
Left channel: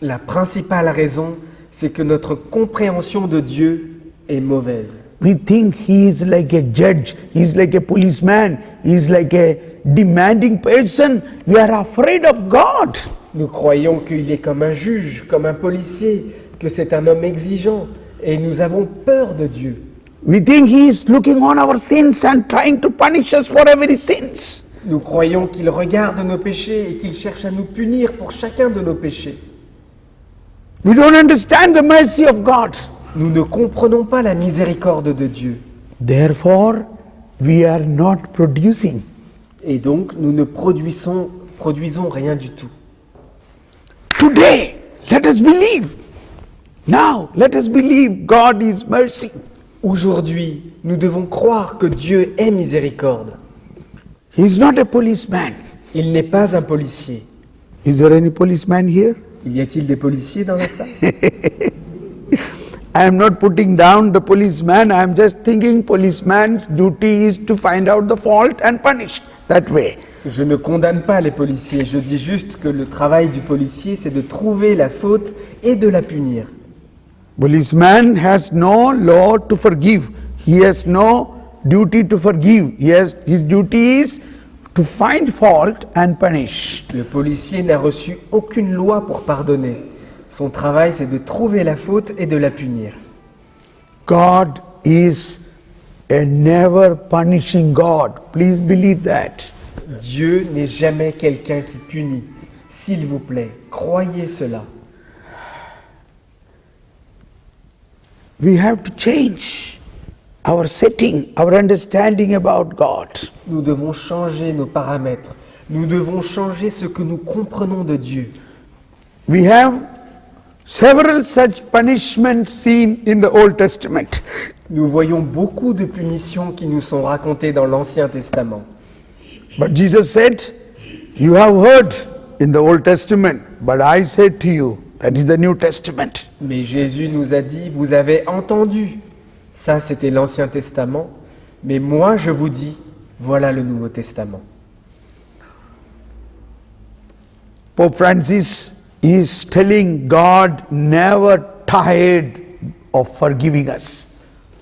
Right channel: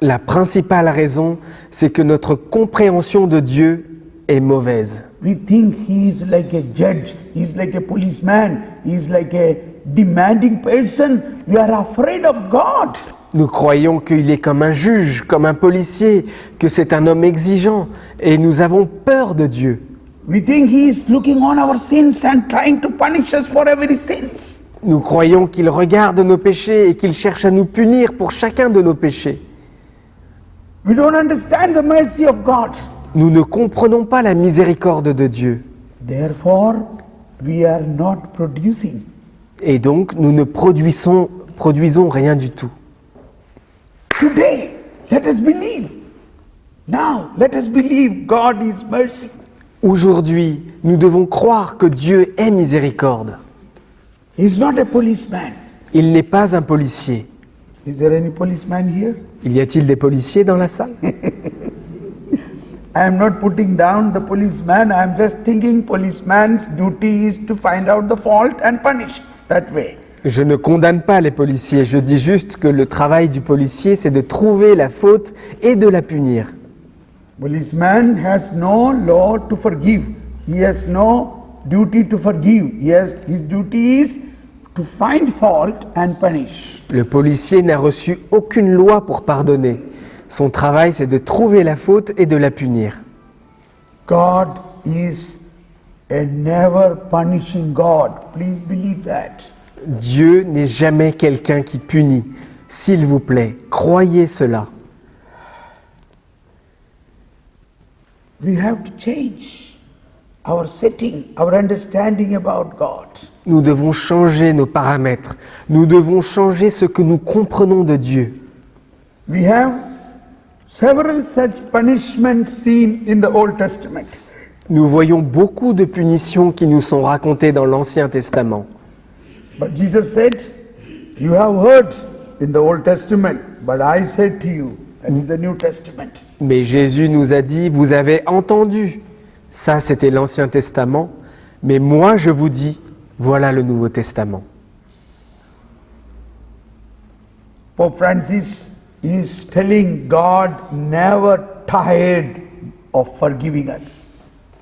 La principale raison, c'est que notre compréhension de Dieu est mauvaise. We think he is like a judge, he is like a policeman, he is like a demanding person. We are afraid of God. Nous croyons qu'il est comme un juge, comme un policier, que c'est un homme exigeant, et nous avons peur de Dieu. We think he is looking on our sins and trying to punish us for every sins. Nous croyons qu'il regarde nos péchés et qu'il cherche à nous punir pour chacun de nos péchés. We don't understand the mercy of God. Nous ne comprenons pas la miséricorde de Dieu. Therefore, we are not producing. Et donc, nous ne produisons rien du tout. Today, let us believe. Now, let us believe God is mercy. Aujourd'hui, nous devons croire que Dieu est miséricorde. He is not a policeman. Il n'est pas un policier. Is there any policeman here? Y a-t-il des policiers dans la salle? I am not putting down the policeman. I am just thinking policeman's duty is to find out the fault and punish that way. Je ne condamne pas les policiers, je dis juste que le travail du policier, c'est de trouver la faute et de la punir. Policeman has no law to forgive. He has no duty to forgive. His duty is to find fault and punish. Le policier n'a reçu aucune loi pour pardonner. Son travail, c'est de trouver la faute et de la punir. God is a never punishing God. Please believe that. Dieu n'est jamais quelqu'un qui punit. S'il vous plaît, croyez cela. We have to change our setting, our understanding about God. Nous devons changer nos paramètres. Nous devons changer ce que nous comprenons de Dieu. We have several such punishments seen in the Old Testament. Nous voyons beaucoup de punitions qui nous sont racontées dans l'Ancien Testament. But Jesus said, you have heard in the Old Testament, but I said to you, that is the New Testament. Mais Jésus nous a dit, vous avez entendu. Ça, c'était l'Ancien Testament. Mais moi, je vous dis, voilà le Nouveau Testament. Pope Francis is telling God never tired of forgiving us.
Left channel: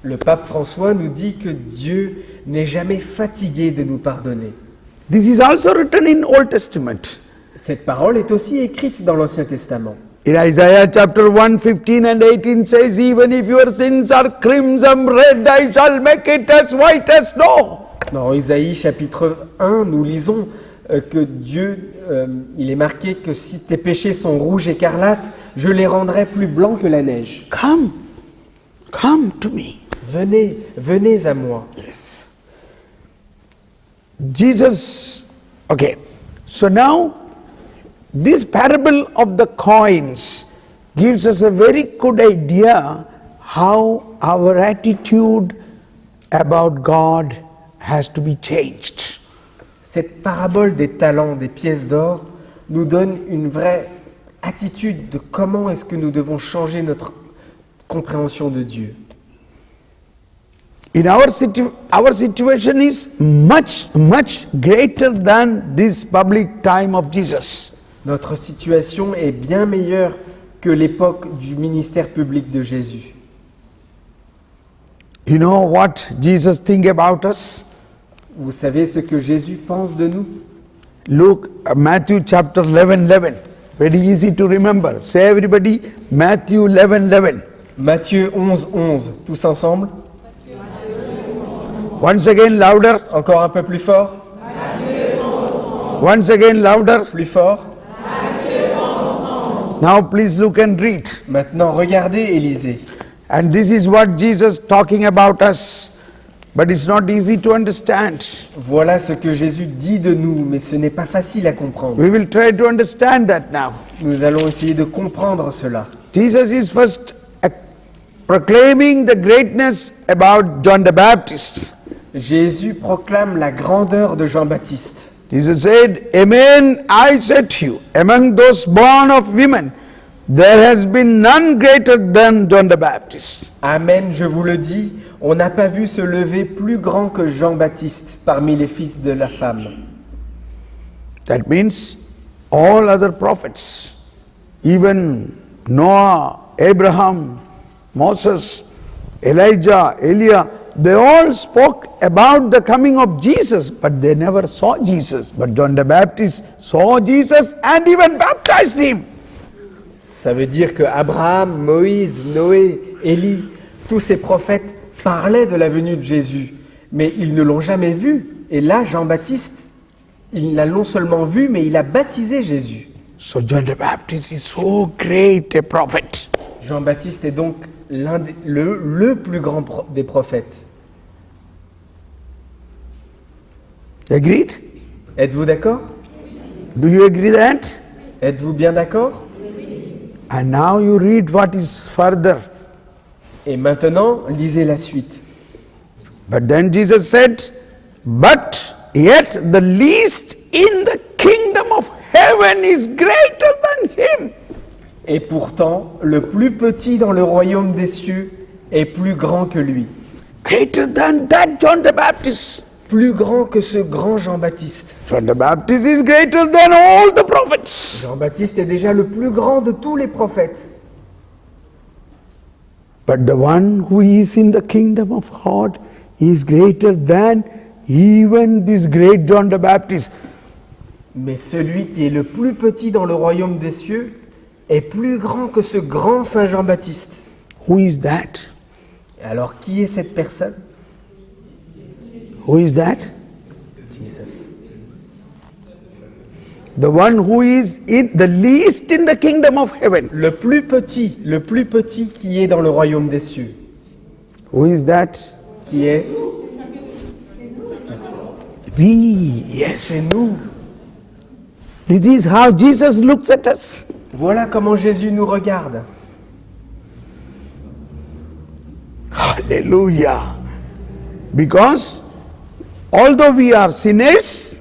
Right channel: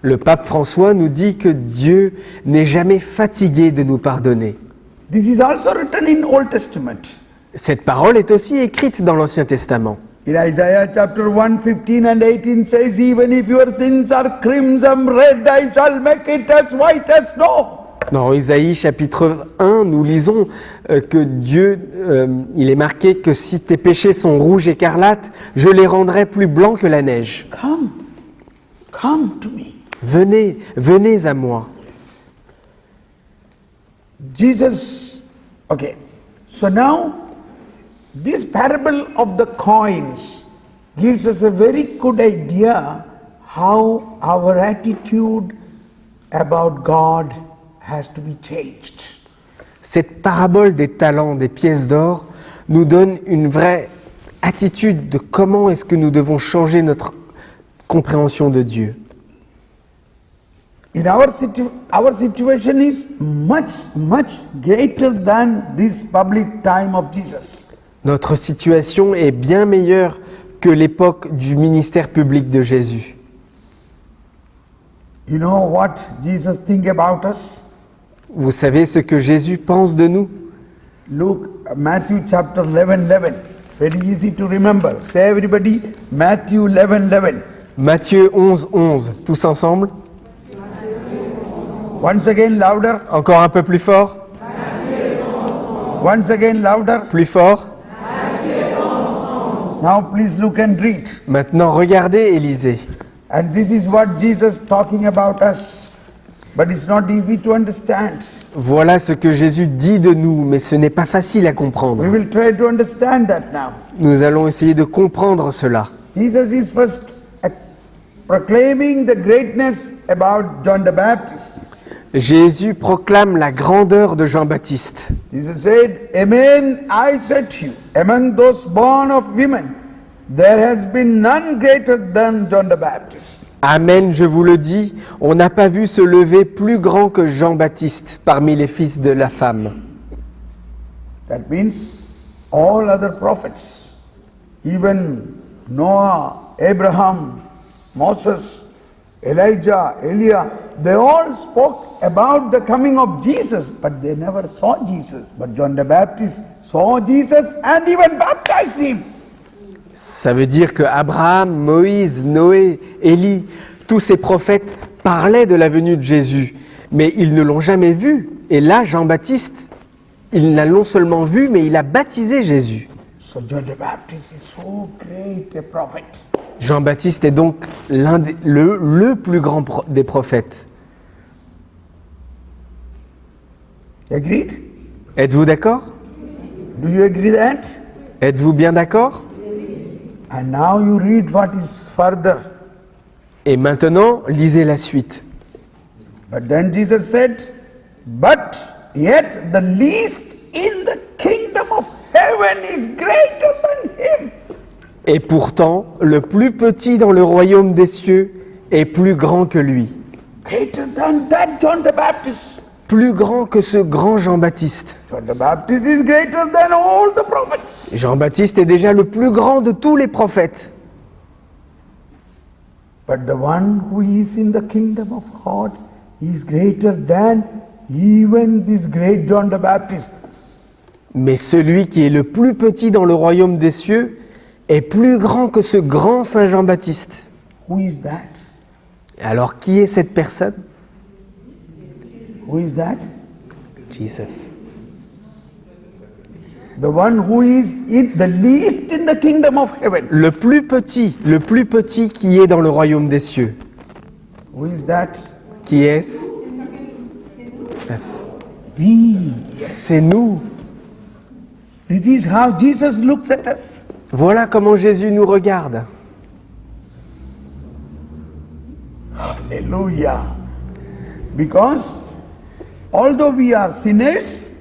Le pape François nous dit que Dieu n'est jamais fatigué de nous pardonner. This is also written in Old Testament. Cette parole est aussi écrite dans l'Ancien Testament. In Isaiah chapter 1, 15 and 18 says, even if your sins are crimson red, I shall make it as white as snow. Dans Isaïe chapitre 1, nous lisons que Dieu, il est marqué que si tes péchés sont rouges écarlates, je les rendrai plus blancs que la neige. Come to me. Venez, venez à moi. Jesus, okay, so now this parable of the coins gives us a very good idea how our attitude about God has to be changed. Cette parabole des talents, des pièces d'or, nous donne une vraie attitude de comment est-ce que nous devons changer notre compréhension de Dieu. In our situation is much greater than this public time of Jesus. Notre situation est bien meilleure que l'époque du ministère public de Jésus. You know what Jesus think about us? Vous savez ce que Jésus pense de nous? Look, Matthew chapter 11. Very easy to remember. Say everybody, Matthew 11. Matthieu 11, tous ensemble. Once again louder. Encore un peu plus fort. Once again louder. Plus fort. Now please look and read. Maintenant, regardez et lisez. And this is what Jesus talking about us. But it's not easy to understand. Voilà ce que Jésus dit de nous, mais ce n'est pas facile à comprendre. We will try to understand that now. Nous allons essayer de comprendre cela. Jesus is first proclaiming the greatness about John the Baptist. Jésus proclame la grandeur de Jean-Baptiste. Jesus said, Amen, I said to you, among those born of women, there has been none greater than John the Baptist. Amen, je vous le dis, on n'a pas vu se lever plus grand que Jean-Baptiste parmi les fils de la femme. That means all other prophets, even Noah, Abraham, Moses, Elijah, Elia, they all spoke about the coming of Jesus, but they never saw Jesus. But John the Baptist saw Jesus and even baptized him. Ça veut dire que Abraham, Moïse, Noé, Élie, tous ces prophètes parlaient de la venue de Jésus, mais ils ne l'ont jamais vu. Et là, Jean-Baptiste, il l'a non seulement vu, mais il a baptisé Jésus. So John the Baptist is so great a prophet. Jean-Baptiste est donc le plus grand des prophètes. Agreed? Êtes-vous d'accord? Do you agree that? Êtes-vous bien d'accord? And now you read what is further. Et maintenant, lisez la suite. But then Jesus said, but yet the least in the kingdom of heaven is greater than him. Et pourtant, le plus petit dans le royaume des cieux est plus grand que lui. Greater than that John the Baptist. Plus grand que ce grand Jean-Baptiste. John the Baptist is greater than all the prophets. Jean-Baptiste est déjà le plus grand de tous les prophètes. But the one who is in the kingdom of God is greater than even this great John the Baptist. Mais celui qui est le plus petit dans le royaume des cieux est plus grand que ce grand Saint Jean-Baptiste. Who is that? Alors qui est cette personne? Who is that? Jesus. The one who is in the least in the kingdom of heaven. Le plus petit qui est dans le royaume des cieux. Who is that? Qui est-ce? We. Yes. C'est nous. This is how Jesus looks at us. Voilà comment Jésus nous regarde. Hallelujah. Because although we are sinners,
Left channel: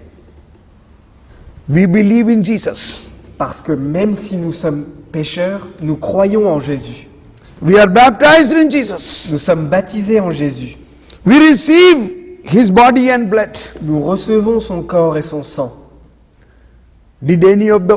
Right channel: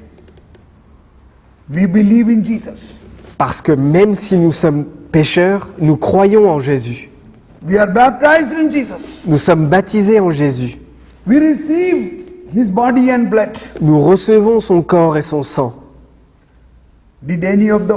we believe in Jesus. Parce que même si nous sommes pécheurs, nous croyons en Jésus. We are baptized in Jesus. Nous sommes baptisés en Jésus. We receive his body and blood. Nous recevons son corps et son sang. Did any of the